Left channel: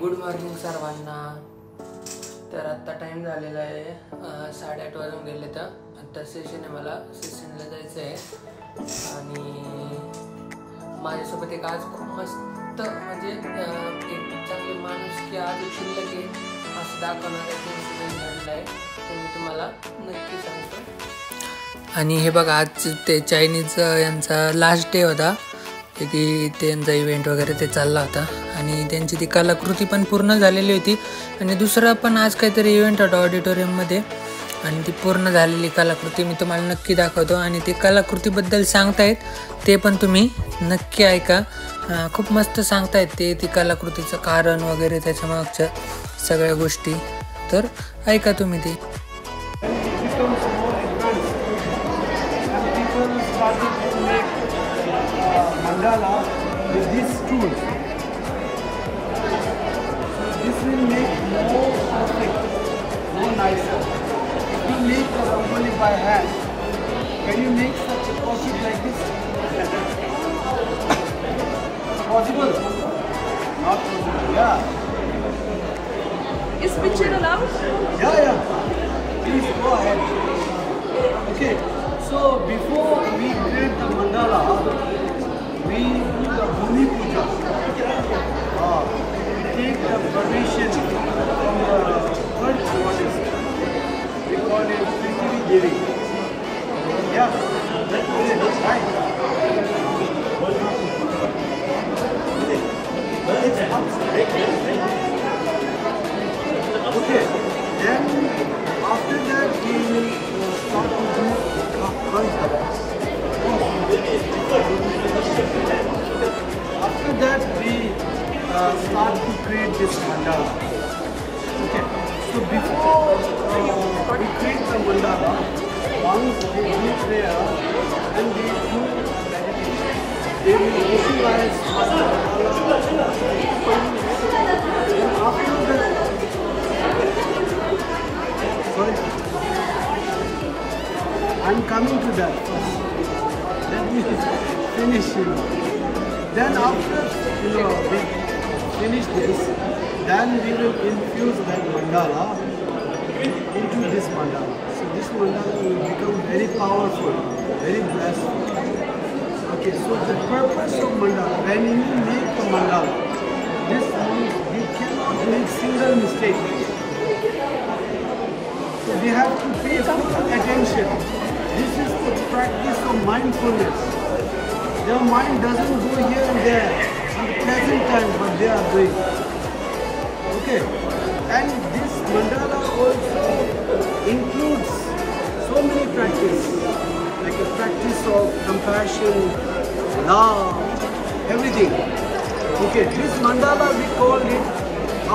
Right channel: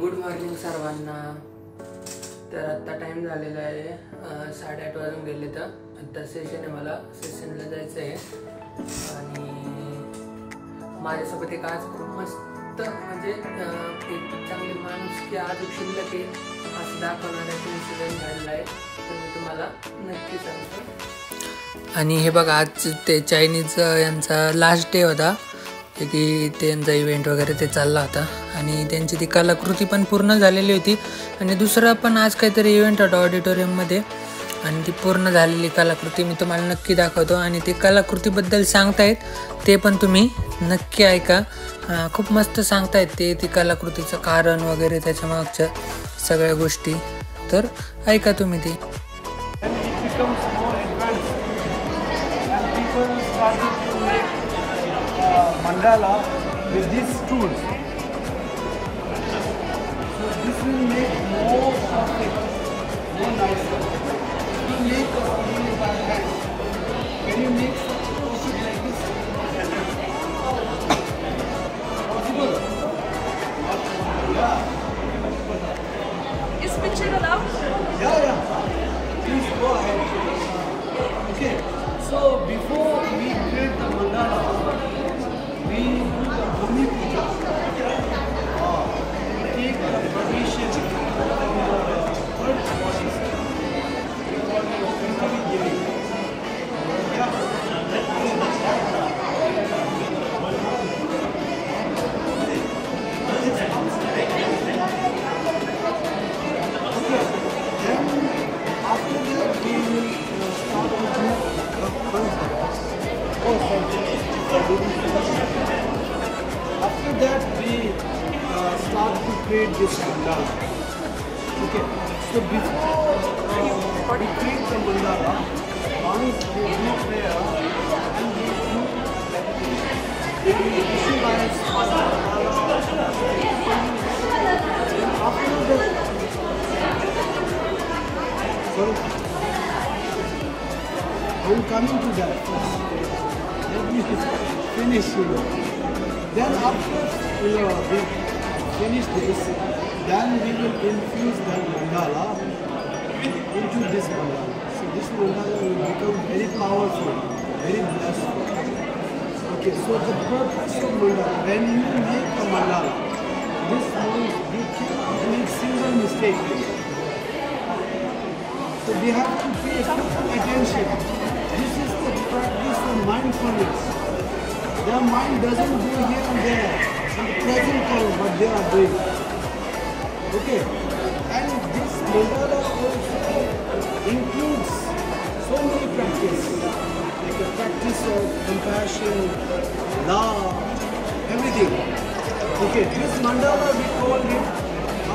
Good morning सर्वांना। तर आत्ता टाइम झालेला आहे 8:30 वाजून गेले तर आता सेशन आहे, मला सेशनला जायचं आहे आणि माझ्यासोबत एक आज खूप मस्त म्हणजे एक चांगले माणूस की आज शिल्लक आहे असं दाखवणारा एक इन्सिडेंट झालेला आहे, तर मी तुम्हाला नक्की सांगतो। आणि हे बघा आज ते चायनीज यांचा लास्ट डे होता की त्यांचा इव्हेंट वगैरे ते चालला होता आणि त्यांची ती कलाकृती पण पूर्ण झालेली होती आणि दुसरा पण आज काहीतरी इव्हेंट होता ऑडिटोरियममध्ये आणि ती पूर्ण झालेली कलाकृती मी तुम्हाला नक्की दाखवतो आणि ते कलाकृतीबद्दल सांगतायत ते पण तुम्ही नक्की ऐका। खूप मस्त सांगतायत ते ती कलाकृतीचं कारण वगैरे त्याच्या मागच्या सगळ्या गोष्टी, तर ऐका तुम्ही ती। With these tools, so this will make more perfect, more nicer. If you make a rangoli by hand, can you make such a project like this? Possible? Not possible. Yeah. Is picture allowed? Yeah. Please go ahead. Okay. So before we create the mandala, we do the Bhumi Puja. Take the permission from the first goddess. We call it Tripuri Devi. Yeah. Right. Okay. Then after that we will start to do the first dance. After that we start to create this mandala. Okay, so before we create the mandala, once we do prayer and we do visualize then after that, sorry, I'm coming to that first. Let me finish, Then after, we finish this, then we will infuse that mandala into this mandala. So this mandala will become very powerful, very blessed. Okay, so the purpose of mandala, when you make a mandala, this means you cannot make single mistake. So we have to pay full attention. This is the practice of mindfulness. Their mind doesn't go here and there in the present time, but they are doing. Okay, and this mandala also includes so many practices, like the practice of compassion, love, everything. Okay, this mandala we call it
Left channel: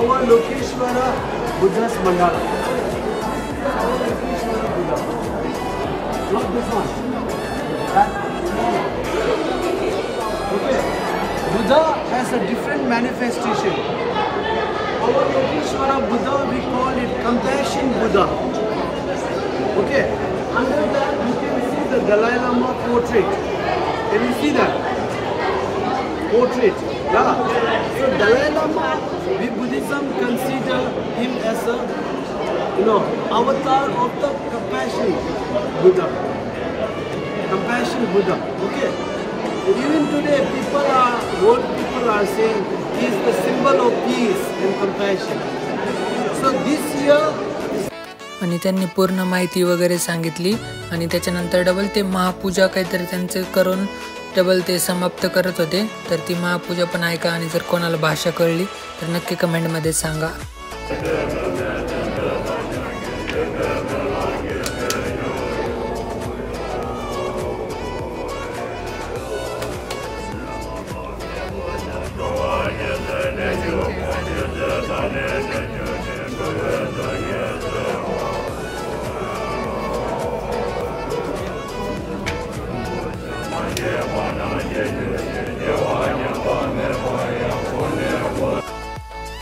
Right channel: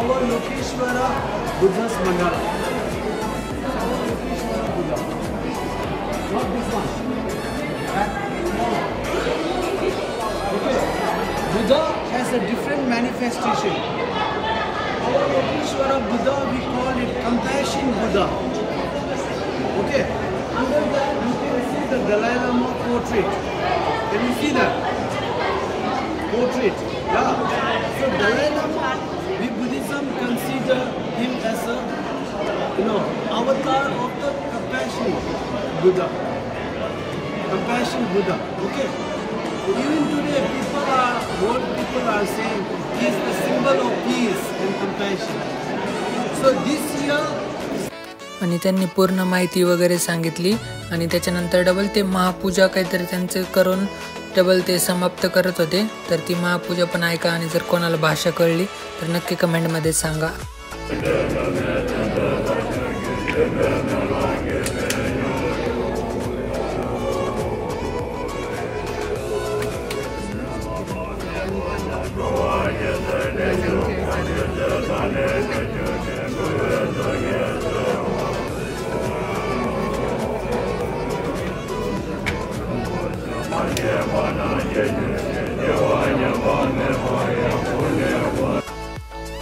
our Lokeshwara Buddha's mandala. Not this one. That small one. Okay. Buddha has a different manifestation. Our Lokeshwara Buddha, we call it Compassion Buddha. Okay. Under that you can see the Dalai Lama portrait. Can you see that? Portrait. Yeah. So Dalai Lama, we Buddhism consider him as a avatar of the Compassion Buddha. Compassion Buddha. Okay. Even today, world people are saying he is the symbol of peace and compassion. So this year. आणि त्यांनी पूर्ण माहिती वगैरे सांगितली आणि त्याच्यानंतर double ते महापूजा काहीतरी त्यांचं करून डबल ते समाप्त करत होते, तर ती महापूजा पण ऐका आणि जर कोणाला भाषा कळली तर नक्की कमेंटमध्ये सांगा।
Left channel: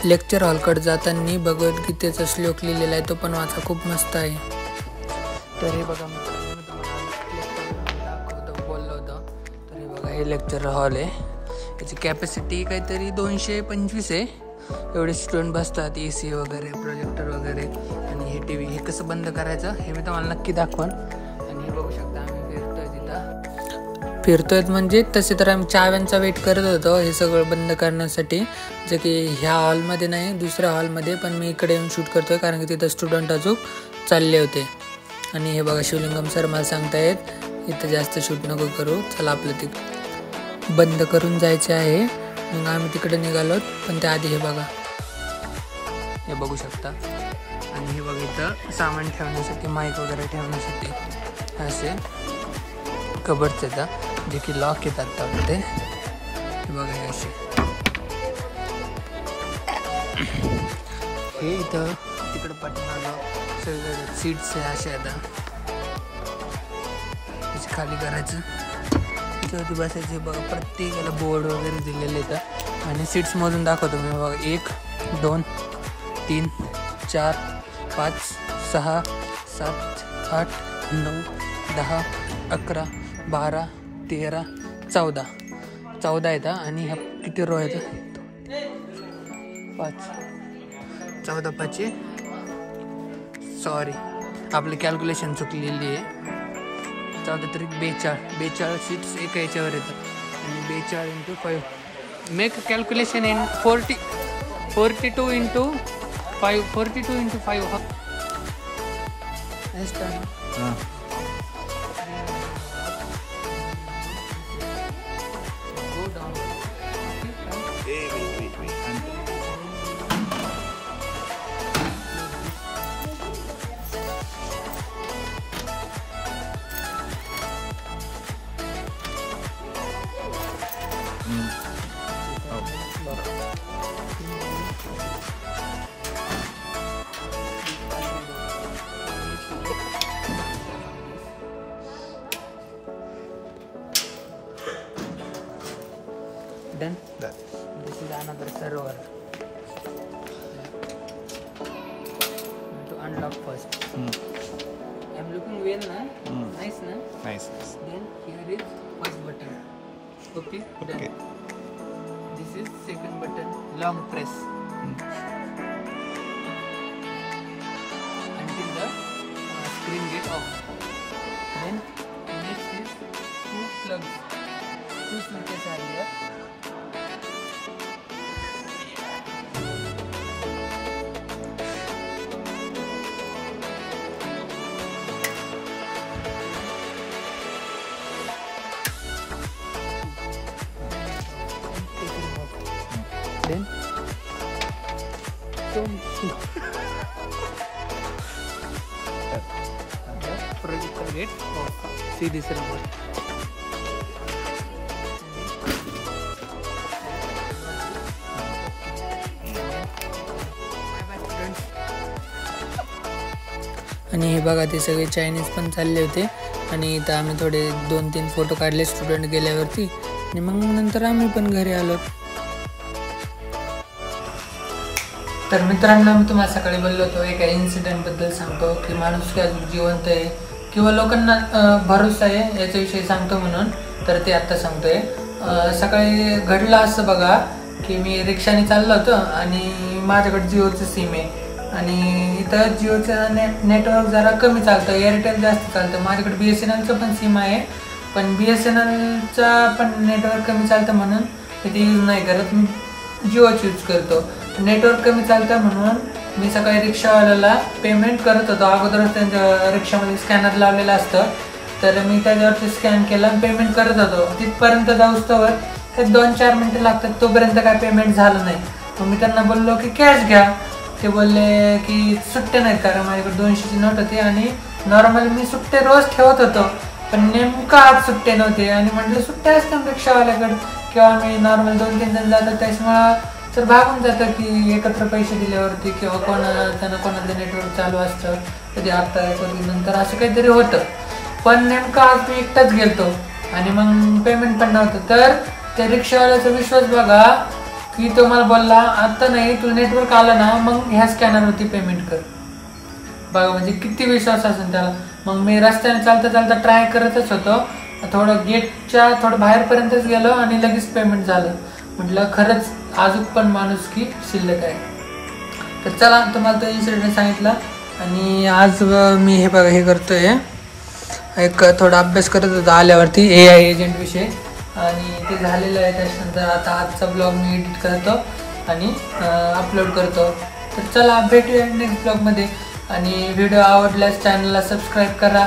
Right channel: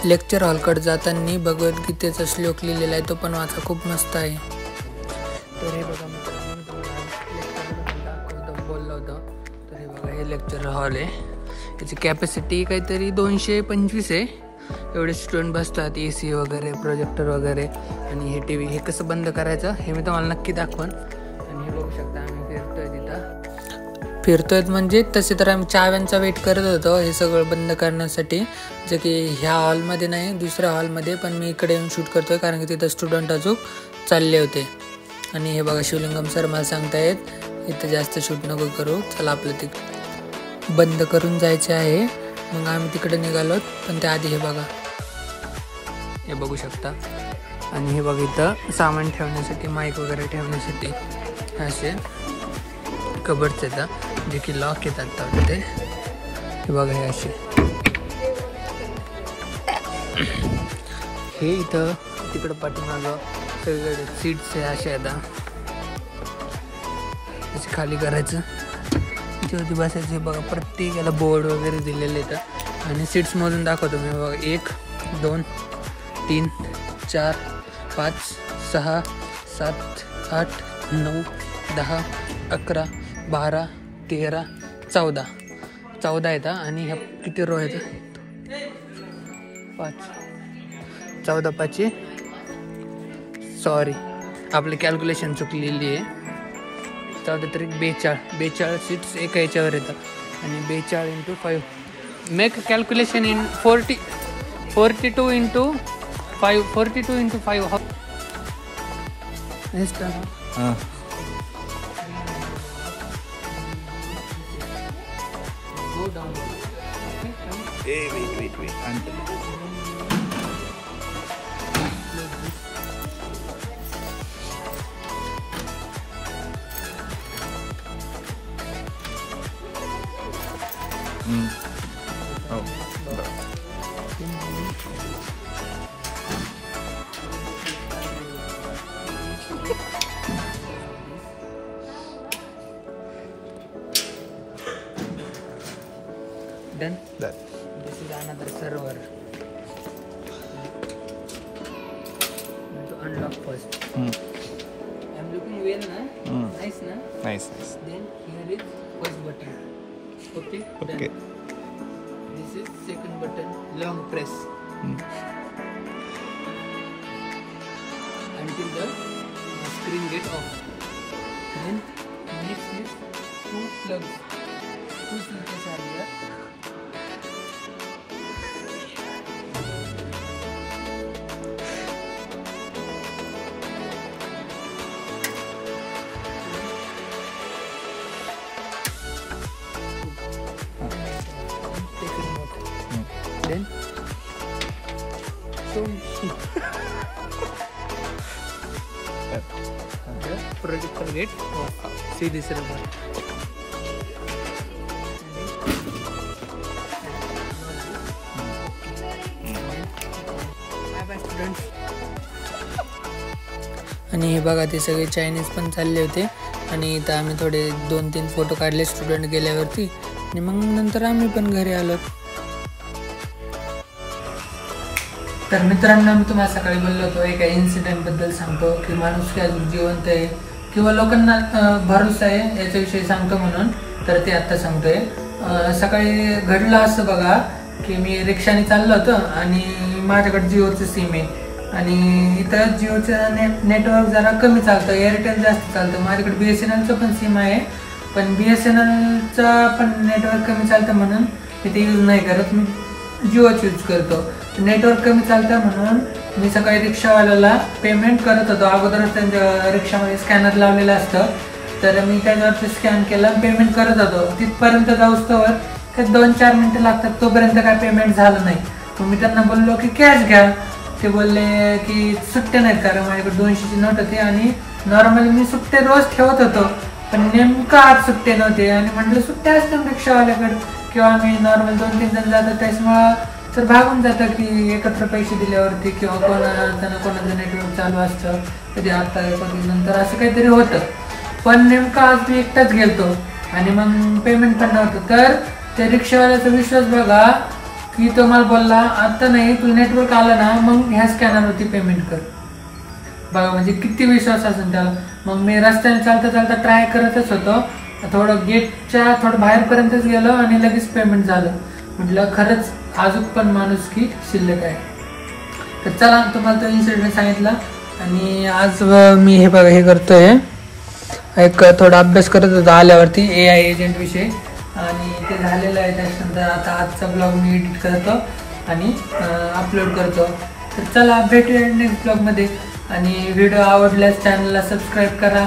लेक्चर हॉलकडे जाताना भगवद्गीतेचा श्लोक लिहिलेला आहे, तो पण वाचा, खूप मस्त आहे। तर हे बघा मित्रांनो, तुम्हाला लेक्चर दाखवतो बोललो होतो, तर हे बघा हे लेक्चर हॉल आहे, त्याची कॅपॅसिटी काहीतरी 225 आहे एवढे स्टुडंट बसतात, AC वगैरे, प्रोजेक्टर वगैरे आणि हे TV. हे कसं बंद करायचं हे मी तुम्हाला नक्की दाखवन. आणि हे बघू शकता आम्ही फिरतोय म्हणजे तसे तर आम्ही चाव्यांचा वेट करत होतो हे सगळं बंद करण्यासाठी, जे की ह्या हॉलमध्ये नाही दुसऱ्या हॉलमध्ये, पण मी इकडे येऊन शूट करतोय कारण की तिथं स्टुडंट अजून चालले होते. आणि हे बघा शिवलिंगम सर मला सांगतायत इथं जास्त शूट नको करू, चला आपलं ते बंद करून जायचे आहे. मग आम्ही तिकडे निघालो, पण त्याआधी हे बघा, हे बघू शकता. आणि हे बघा इथं सामान ठेवण्यासाठी, माईक वगैरे ठेवण्यासाठी असे कबर्ड्स येतात जे की लॉक येतात त्यामध्ये. हे बघा हे असे, हे इथं तिकडं पाठीमागं सगळीकडे सीट्स आहे असे आता. त्याचे खाली करायचं, इथे बसायचे. बघा प्रत्येकाला बोर्ड वगैरे दिलेले येतात. आणि सीट्स मधून दाखवतो मी. बघा 1 2 3 4 5 6 7 8 9 10 11 12 13 14 येतात. आणि ह्या किती रो आहेत? 5 14 5 सॉरी आपली कॅल्क्युलेशन चुकलेली आहे. 14 तरी 42 सीट्स एका याच्यावर येतात. आणि 42 × 5 make calculation in 42 × 5 42 × 5 go downward. Wait. Oh. Done? Done. This is another server. To unlock first. I'm looking well now. Nice na? Nice. Then here is first button. Okay? Okay. Done. This is second button. Long press. Until the screen get off. Then next is two plugs. Two switches are here. Then projector get off. See this remote. आणि हे बघा ते सगळे Chinese पण चालले होते. आणि इथं आम्ही थोडे 2-3 फोटो काढले स्टुडंट गेल्यावरती. आणि मग नंतर आम्ही पण घरी आलो. तर मित्रांनो मी तुम्हाला सकाळी बोललो होतो एका इन्सिडेंट बद्दल सांगतो की माणूस काय जिवंत आहे किंवा लोकांना भरोसा आहे याच्याविषयी सांगतो म्हणून. तर ते आत्ता सांगतोय. सकाळी घडलं असं बघा की मी रिक्षाने चाललो होतो आणि माझ्याकडे जिओचं सिम आहे. आणि इथं जिओचं नेटवर्क जरा कमी चालतं, एअरटेल जास्त चालतं. माझ्याकडे BSNLचं पण सिम आहे, पण BSNLचं पण नेटवर्क कमी चालतं म्हणून मी ते यूज नाही करत. मी जिओच यूज करतो. नेटवर्क कमी चालतं म्हणून मी सकाळी रिक्षावाल्याला पेमेंट करत होतो. अगोदरच त्यांच्या रिक्षामध्ये स्कॅनर लावलेलं असतं, तर मी त्याच्यावरती स्कॅन केलं, पेमेंट करत होतो. तिथपर्यंत जाऊस्तोवर 2-4 मिनिटं लागतात, तोपर्यंत काय पेमेंट झालं नाही. मग मी त्यांना बोललो की कॅश घ्या. ते बोलले की सुट्टे नाहीत, कारण माझ्याकडे 200ची नोट होती आणि नॉर्मली मी सुट्टे रोज ठेवत होतो, पण नेमकं आज सुट्टे नव्हते. आणि म्हटलं सुट्टे असतात रिक्षावाल्याकडे किंवा मी नॉर्मल 2-3 जण जातात त्याच्यामुळं तर भागून जातं की एकत्र पैसे दिल्यावरती किंवा कोणाचं नेटवर्क चालू असतं, कधी आता कधी नंतर असं काहीतरी होतं. पण नेमकं आज मी एकटाच गेलतो आणि मग पेमेंट पण नव्हतं. तर त्या रिक्षावाल्याचा विश्वास बघा की तो मला बोलला आता नाही, तू नेटवर्क आलं ना मग ह्या स्कॅनरवरती पेमेंट कर. बघा म्हणजे किती विश्वास असेल त्याला. मग मी रस्त्याने चालता ट्राय करतच होतो. थोडं गेटच्या थोडं बाहेरपर्यंतच गेलो आणि लगेच पेमेंट झालं. म्हटलं खरंच अजून पण माणुसकी शिल्लक आहे. तर चला तुम्हाला तो इन्सिडेंट सांगितला. आणि आज मी हे बघा हे करतोय, एक थोडा अभ्यास करत होता आल्यावरती AI एजंट विषयी, आणि ते झालेलं आहे. त्याच्यानंतर आता आजचा ब्लॉग मी एडिट करतो आणि अपलोड करतो. तर चला भेटूया नेक्स्ट ब्लॉगमध्ये. आणि व्हिडिओ आवडल्यास चॅनलला सबस्क्राईब करा,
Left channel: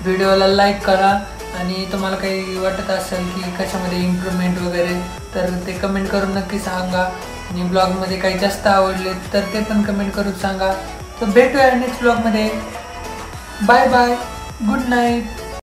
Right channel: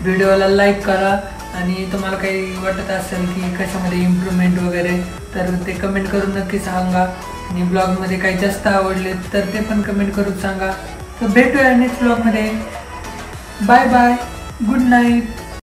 व्हिडिओला लाईक करा, आणि तुम्हाला काही वाटत असेल की कशामध्ये इम्प्रूव्हमेंट वगैरे तर ते कमेंट करून नक्की सांगा. आणि ब्लॉगमध्ये काही जास्त आवडले तर ते पण कमेंट करून सांगा. तर भेटूया नेक्स्ट ब्लॉगमध्ये. Bye bye, good night.